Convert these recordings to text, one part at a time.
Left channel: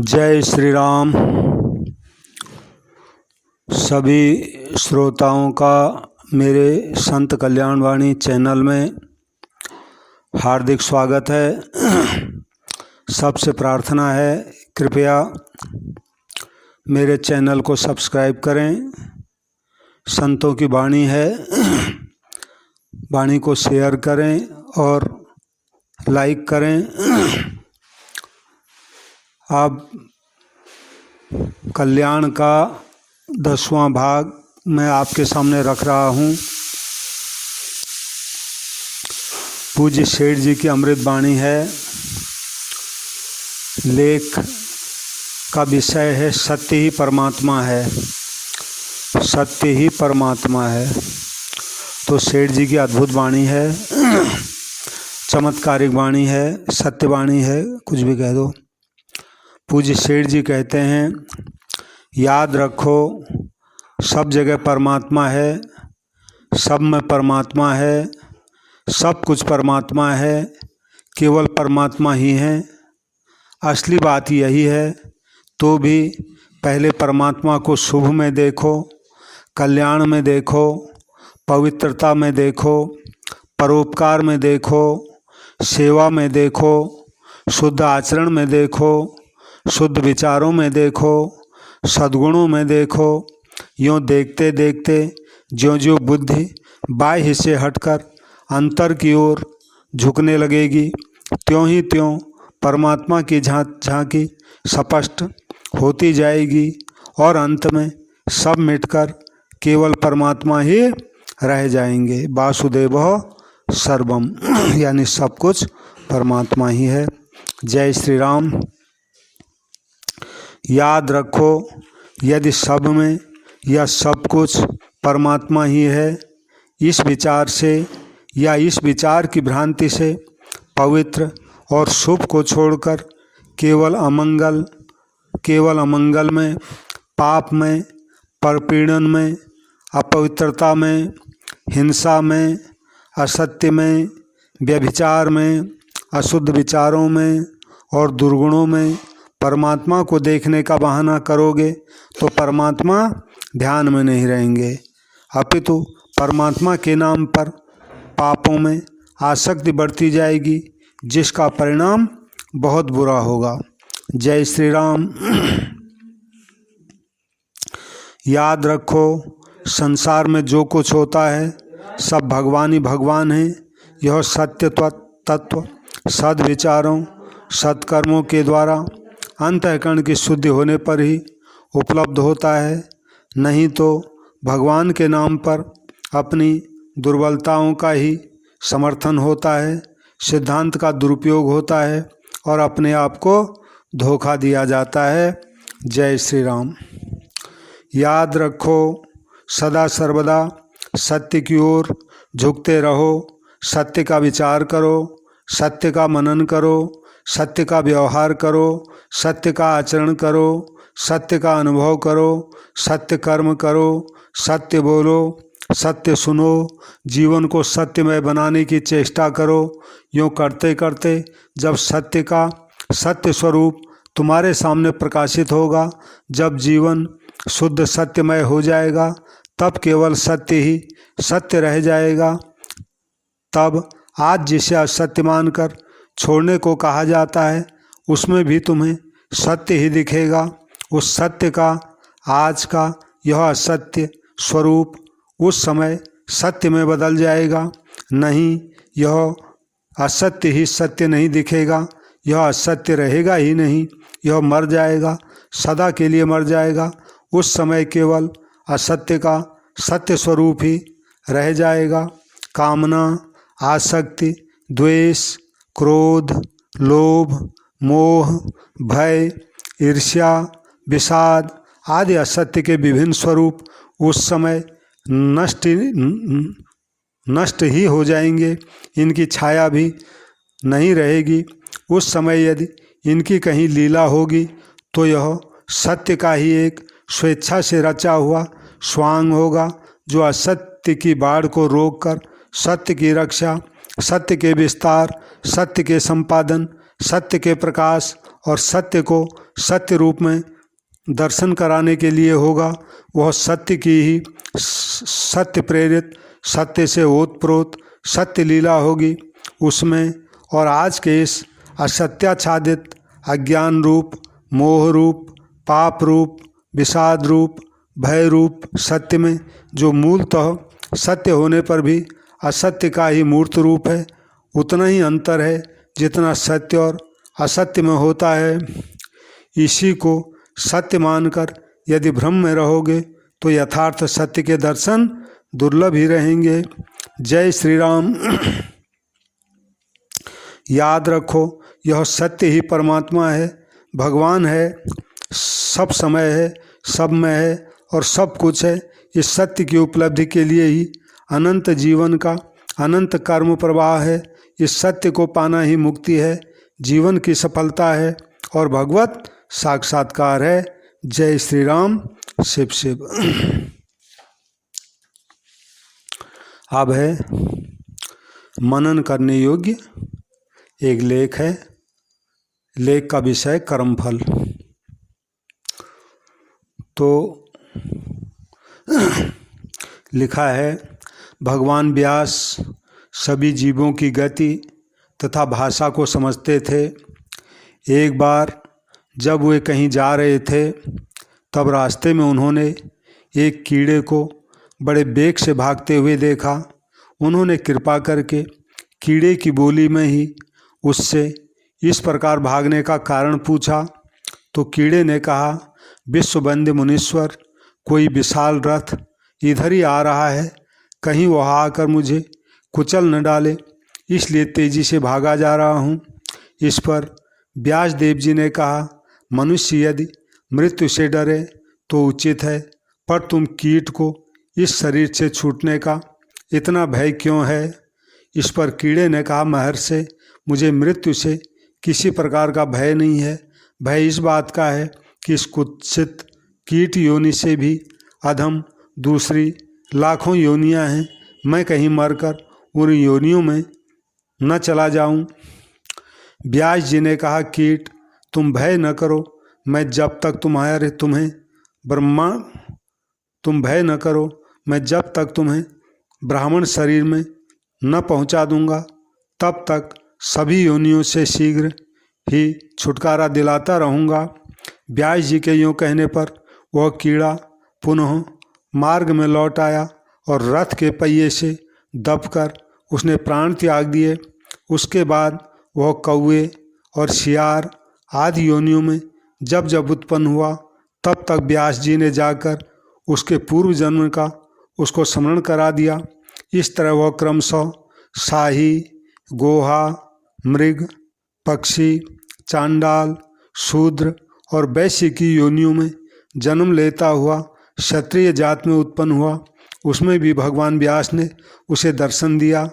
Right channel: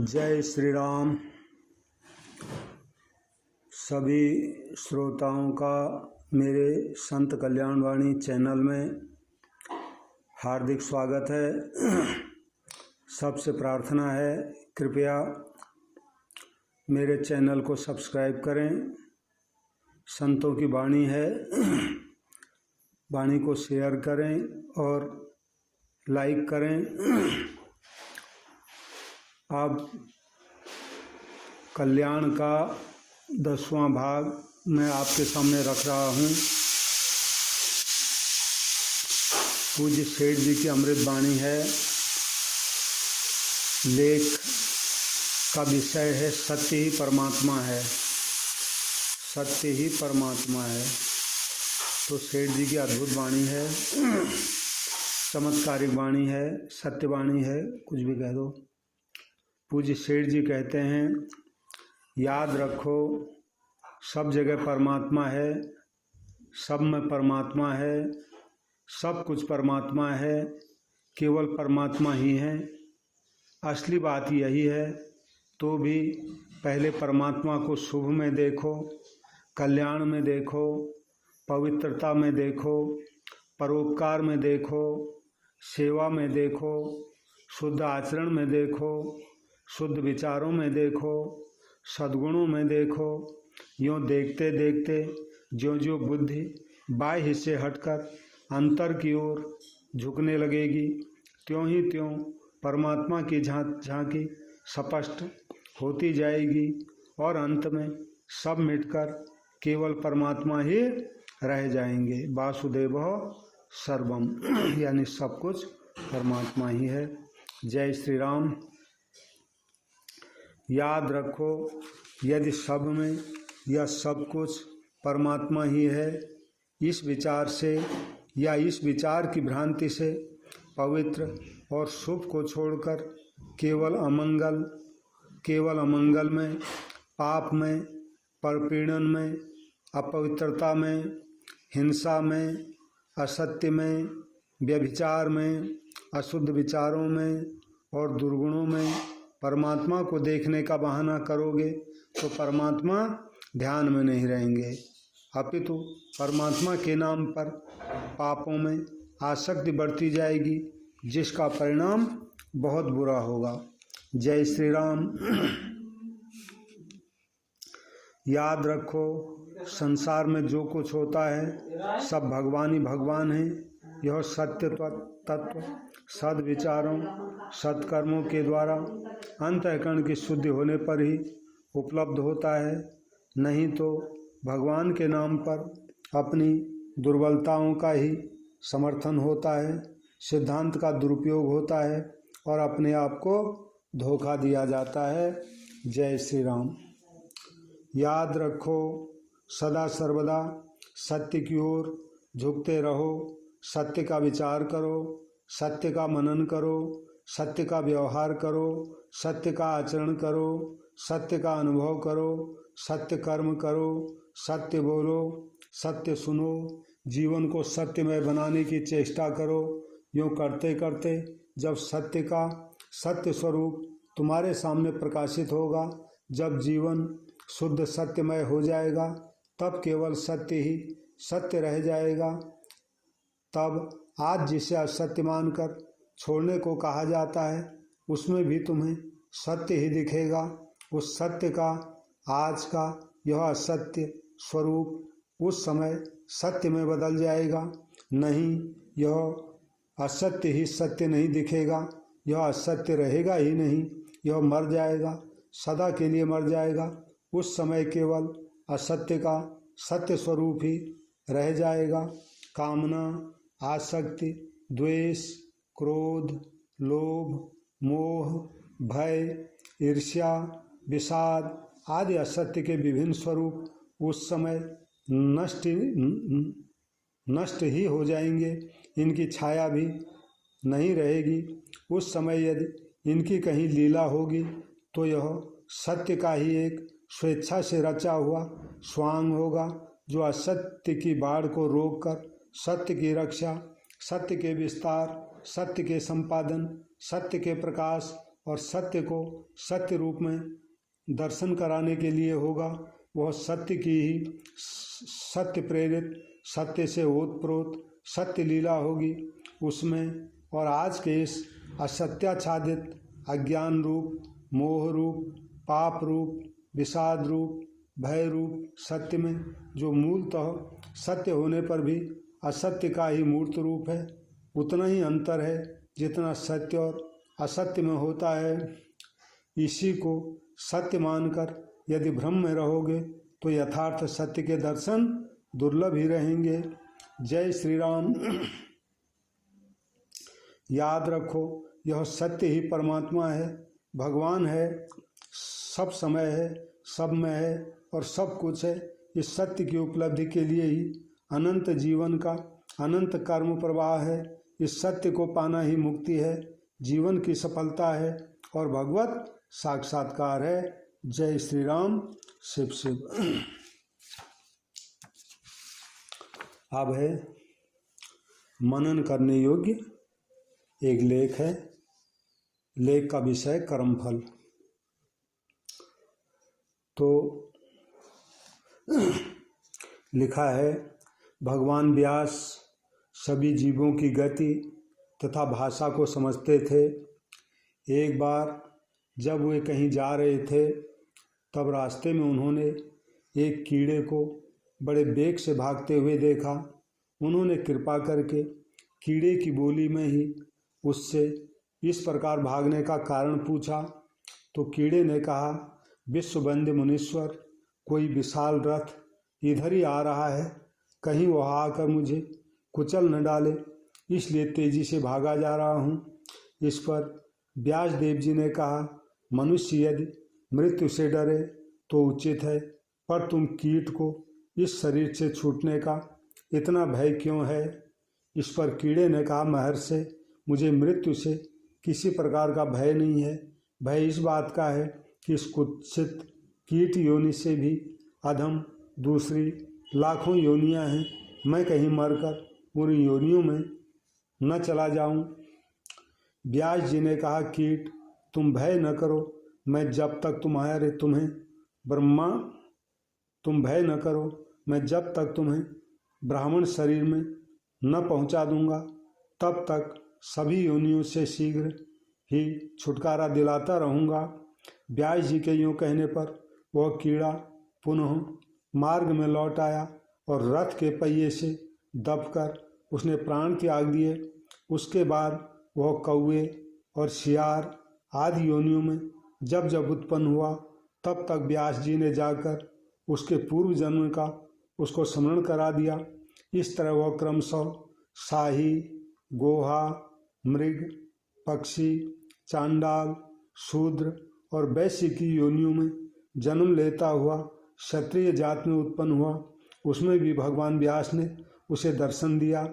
जय श्री राम। सभी श्रोताओं का मेरे संत कल्याण वाणी चैनल में हार्दिक स्वागत है। सबसे प्रार्थना है कृपया मेरे चैनल को सब्सक्राइब करें। संतों की वाणी है, वाणी को शेयर करें और लाइक करें। अब कल्याण का 10वां भाग मैं आपके सामने रख रहा हूँ। पूज्य सेठ जी की अमृत वाणी है। लेख का विषय है सत्य ही परमात्मा है। सत्य ही परमात्मा है। तो सेठ जी की अद्भुत वाणी है, चमत्कारिक वाणी है, सत्य वाणी है, कुछ भी कह दो। पूज्य सेठ जी कहते हैं, याद रखो सब जगह परमात्मा है, सब में परमात्मा है, सब कुछ परमात्मा है, केवल परमात्मा ही है। असली बात यही है। तो भी पहले परमात्मा को शुभ में देखो, कल्याण में देखो, पवित्रता में देखो, परोपकार में देखो, सेवा में देखो, शुद्ध आचरण में देखो, शुद्ध विचारों में देखो, सद्गुणों में देखो। यूँ देखते देखते ज्यों-ज्यों बुद्धि बाह्य से हटकर अंतर की ओर झुकने लगेगी, त्यों ही त्यों परमात्मा की झांकी स्पष्ट होती जाएगी और अंत में सब मिटकर केवल परमात्मा ही रह जाएंगे। वासुदेवः सर्वम यानी सब कुछ परमात्मा ही है। जय श्री राम। याद रखो, यदि सब में यह सब कुछ परमात्मा ही है, इस विचार से या इस विचार की भ्रांति से पवित्र और शुभ को छोड़कर केवल अमंगल में, पाप में, परपीड़न में, अपवित्रता में, हिंसा में, असत्य में, व्यभिचार में, अशुद्ध विचारों में और दुर्गुणों में परमात्मा को देखने का बहाना करोगे तो परमात्मा ध्यान में नहीं रहेंगे, अपितु परमात्मा के नाम पर पापों में आसक्ति बढ़ती जाएगी, जिसका परिणाम बहुत बुरा होगा। जय श्री राम। याद रखो, संसार में जो कुछ होता है सब भगवान ही भगवान है। यह सत्य तत्व सद्विचारों, सत्कर्मों के द्वारा अंतःकरण की शुद्धि होने पर ही उपलब्ध होता है। नहीं तो भगवान के नाम पर अपनी दुर्बलताओं का ही समर्थन होता है, सिद्धांत का दुरुपयोग होता है और अपने आप को धोखा दिया जाता है। जय श्री राम। याद रखो, सदा सर्वदा सत्य की ओर झुकते रहो, सत्य का विचार करो, सत्य का मनन करो, सत्य का व्यवहार करो, सत्य का आचरण करो, सत्य का अनुभव करो, सत्य कर्म करो, सत्य बोलो, सत्य सुनो, जीवन को सत्यमय बनाने की चेष्टा करो। यूँ करते करते जब सत्य का सत्य स्वरूप तुम्हारे सामने प्रकाशित होगा, जब जीवन शुद्ध सत्यमय हो जाएगा, तब केवल सत्य ही सत्य रह जाएगा। तब आज जिसे असत्य मानकर छोड़ने को कहा जाता है, उसमें भी तुम्हें सत्य ही दिखेगा। उस सत्य का आज का यह असत्य स्वरूप उस समय सत्य में बदल जाएगा। नहीं, यह असत्य ही सत्य नहीं दिखेगा, यह असत्य रहेगा ही नहीं, यह मर जाएगा, सदा के लिए मर जाएगा। उस समय केवल असत्य का सत्य स्वरूप ही रह जाएगा। कामना, आसक्ति, द्वेष, क्रोध, लोभ, मोह, भय, ईर्ष्या, विषाद आदि असत्य के विभिन्न स्वरूप उस समय नष्ट ही हो जाएंगे। इनकी छाया भी नहीं रहेगी। उस समय यदि इनकी कहीं लीला होगी तो यह सत्य का ही एक स्वेच्छा से रचा हुआ स्वांग होगा, जो असत्य की बाढ़ को रोककर सत्य की रक्षा, सत्य के विस्तार, सत्य के संपादन, सत्य के प्रकाश और सत्य को सत्य रूप में दर्शन कराने के लिए होगा। वह सत्य की ही सत्य प्रेरित, सत्य से ओतप्रोत सत्य लीला होगी उसमें। और आज के इस असत्याच्छादित अज्ञान रूप, मोह रूप, पाप रूप, विषाद रूप, भय रूप सत्य में जो मूलतः सत्य होने पर भी असत्य का ही मूर्त रूप है, उतना ही अंतर है जितना सत्य और असत्य में होता है। इसी को सत्य मानकर यदि भ्रम में रहोगे तो यथार्थ सत्य के दर्शन दुर्लभ ही रहेंगे। जय श्री राम। याद रखो, यह सत्य ही परमात्मा है, भगवान है, सब समय है, सब में है और सब कुछ है। इस सत्य की उपलब्धि के लिए ही अनंत जीवन का अनंत कर्म प्रवाह है। इस सत्य को पाना ही मुक्ति है, जीवन की सफलता है और भगवत साक्षात्कार है। जय श्री राम। शिव शिव। अब है मनन करने योग्य एक लेख है। लेख का विषय कर्मफल। तो लिखा है, भगवान व्यास सभी जीवों की गति तथा भाषा को समझते थे। एक बार जब वे कहीं जा रहे थे तब रास्ते में उन्होंने एक कीड़े को बड़े बेग से भागते हुए देखा। उन्होंने कृपा करके कीड़े की बोली में ही उससे इस प्रकार भागने का कारण पूछा। तो कीड़े ने कहा, विश्ववंद्य मुनीश्वर, कोई विशाल रथ इधर ही आ रहा है, कहीं वह आकर मुझे कुचल न डाले, इसलिए तेजी से भागा जा रहा हूँ। इस पर व्यास देव जी ने कहा, मनुष्य यदि मृत्यु से डरे तो उचित है, पर तुम कीट को इस शरीर से छूटने का इतना भय क्यों है? इस पर कीड़े ने कहा, महर्षि, मुझे मृत्यु से किसी प्रकार का भय नहीं है। भय इस बात का है कि इस कुत्सित कीट योनि से भी अधम दूसरी लाखों योनियां हैं, मैं कहीं मरकर उन योनियों में न चला जाऊं। व्यास जी ने कहा, कीट तुम भय न करो, मैं जब तक तुम्हें ब्राह्मण शरीर में न पहुंचा दूंगा, तब तक सभी योनियों से शीघ्र ही छुटकारा दिलाता रहूँगा। व्यास जी के यूँ कहने पर वह कीड़ा पुनः मार्ग में लौट आया और रथ के पहिए से दबकर उसने प्राण त्याग दिए। उसके बाद वह कौवे और सियार आदि योनियों में जब जब उत्पन्न हुआ, तब तक व्यास जी ने जाकर उसके पूर्व जन्म का उसको स्मरण करा दिया। इस तरह वह क्रमशः शाही, गोहा, मृग, पक्षी, चांडाल, शूद्र और वैश्य की योनियों में जन्म लेता हुआ क्षत्रिय जात में उत्पन्न हुआ। उसमें भी भगवान व्यास ने उसे दर्शन दिया।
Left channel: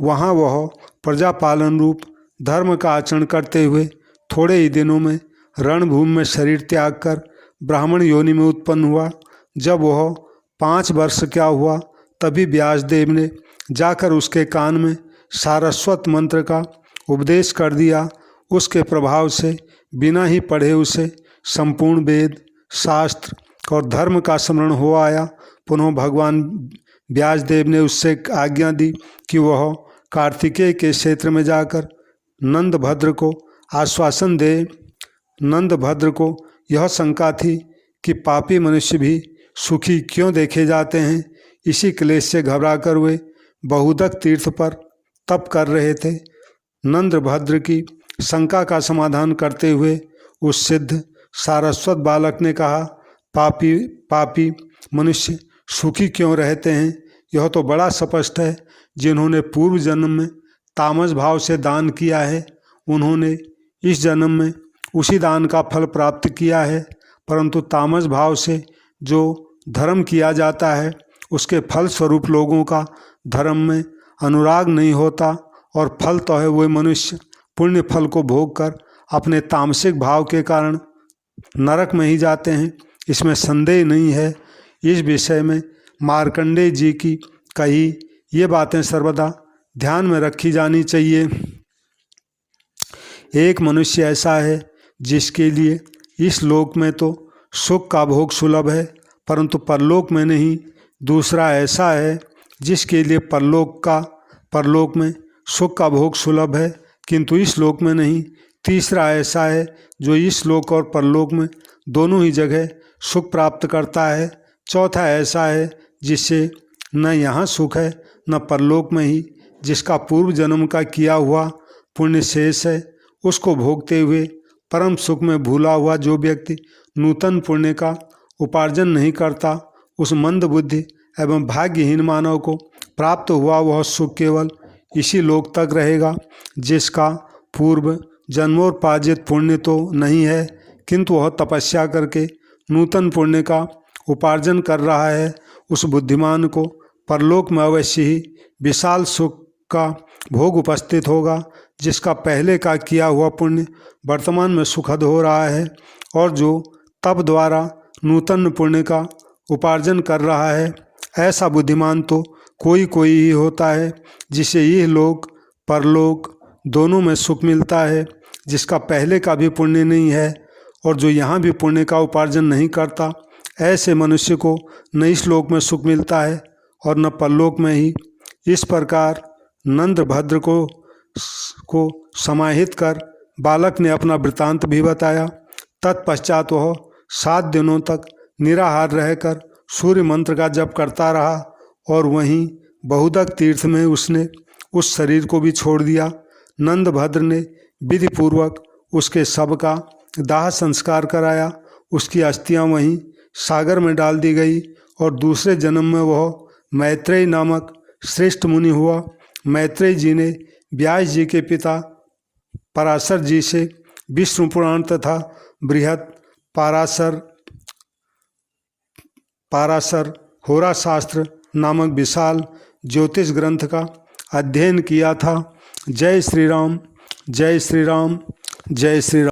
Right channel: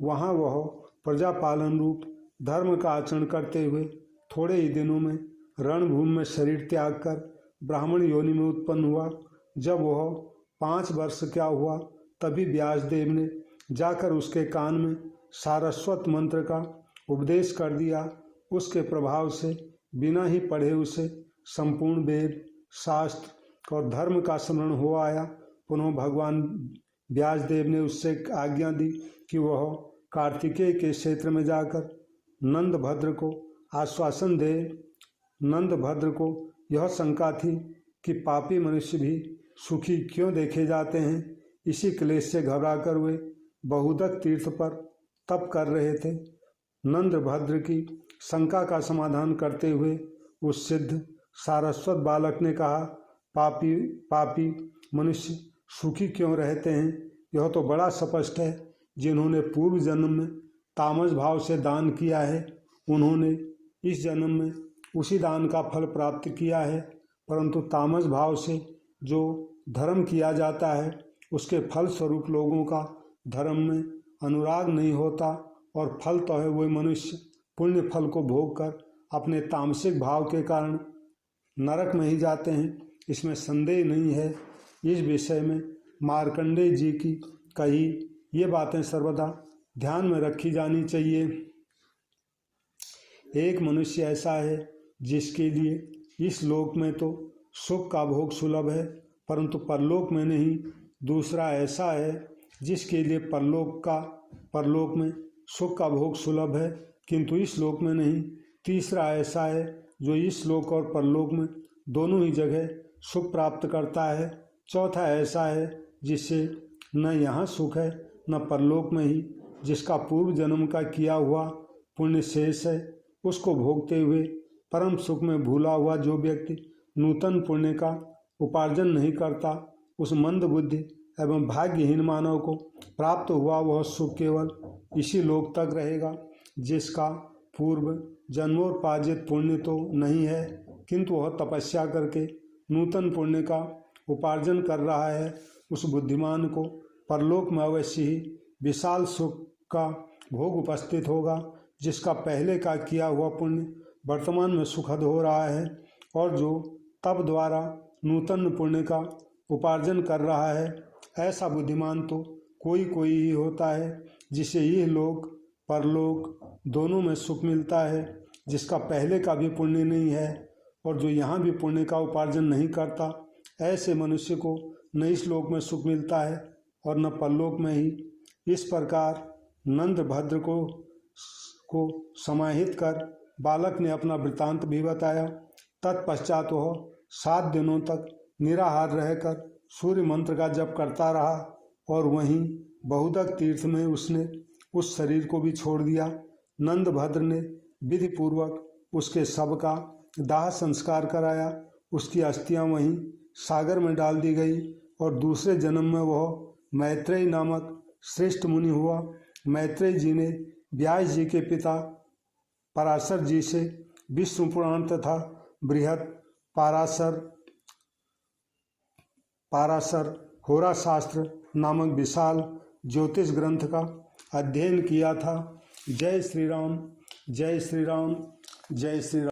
वहाँ वह प्रजापालन रूप धर्म का आचरण करते हुए थोड़े ही दिनों में रणभूमि में शरीर त्याग कर ब्राह्मण योनि में उत्पन्न हुआ। जब वह 5 वर्ष का हुआ, तभी व्यासदेव ने जाकर उसके कान में सारस्वत मंत्र का उपदेश कर दिया। उसके प्रभाव से बिना ही पढ़े उसे संपूर्ण वेद, शास्त्र और धर्म का स्मरण हो आया। पुनः भगवान व्यासदेव ने उससे आज्ञा दी कि वह कार्तिकेय के क्षेत्र में जाकर नंदभद्र को आश्वासन दे। नंदभद्र को यह शंका थी कि पापी मनुष्य भी सुखी क्यों देखे जाते हैं। इसी क्लेश से घबराकर वे बहुदक तीर्थ पर तप कर रहे थे। नंदभद्र की शंका का समाधान करते हुए उस सिद्ध सारस्वत बालक ने कहा, पापी मनुष्य सुखी क्यों रहते हैं? यह तो बड़ा स्पष्ट है। जिन्होंने पूर्व जन्म में तामस भाव से दान किया है, उन्होंने इस जन्म में उसी दान का फल प्राप्त किया है। परंतु तामस भाव से जो धर्म किया जाता है, उसके फल स्वरूप लोगों का धर्म में अनुराग नहीं होता और फल तो है वे मनुष्य पुण्य फल को भोग कर अपने तामसिक भाव के कारण नरक में ही जाते हैं, इसमें संदेह नहीं है। इस विषय में मार्कंडेय जी की कही ये बातें सर्वदा ध्यान में रखी जानी चाहिए। एक मनुष्य ऐसा है जिसके लिए इस लोक में तो सुख का भोग सुलभ है, परंतु परलोक में नहीं। दूसरा ऐसा है जिसके लिए परलोक में सुख का भोग सुलभ है, किंतु इस लोक में नहीं। तीसरा ऐसा है जो इस लोक और परलोक में दोनों ही जगह सुख प्राप्त करता है। चौथा ऐसा है जिससे न यहाँ सुख है न परलोक में ही, जिसका पूर्व जन्म का किया हुआ पुण्य शेष है, उसको भोगते हुए परम सुख में भूला हुआ जो व्यक्ति नूतन पुण्य का उपार्जन नहीं करता, उस मंद बुद्धि एवं भाग्यहीन मानव को प्राप्त हुआ वह सुख केवल इसी लोक तक रहेगा, जिसका पूर्व जन्मोपार्जित पुण्य तो नहीं है, किंतु वह तपस्या करके नूतन पुण्य का उपार्जन कर रहा है। उस बुद्धिमान को परलोक में अवश्य ही विशाल सुख का भोग उपस्थित होगा, जिसका पहले का किया हुआ पुण्य वर्तमान में सुखद हो रहा है, और जो तप द्वारा नूतन पुण्य का उपार्जन कर रहा है। ऐसा बुद्धिमान तो कोई कोई ही होता है जिसे यह लोक परलोक दोनों में सुख मिलता है, जिसका पहले का भी पुण्य नहीं है और जो यहाँ भी पुण्य का उपार्जन नहीं करता। ऐसे मनुष्य को न इस लोक में सुख मिलता है और न परलोक में ही। इस प्रकार नंदभद्र को समाहित कर बालक ने अपना वृतांत भी बताया। तत्पश्चात वह 7 दिनों तक निराहार रहकर सूर्य मंत्र का जप करता रहा और वहीं बहुदक तीर्थ में उसने उस शरीर को भी छोड़ दिया। नंदभद्र ने विधि पूर्वक उसके शव का दाह संस्कार कराया। उसकी अस्थियां वहीं सागर में डाल दी गई और दूसरे जन्म में वह मैत्रेय नामक श्रेष्ठ मुनि हुआ। मैत्रेय जी ने व्यास जी के पिता पराशर जी से विष्णु पुराण तथा बृहत पाराशर होरा शास्त्र नामक विशाल ज्योतिष ग्रंथ का अध्ययन किया था। जय श्री राम, जय श्री राम, जय श्री राम।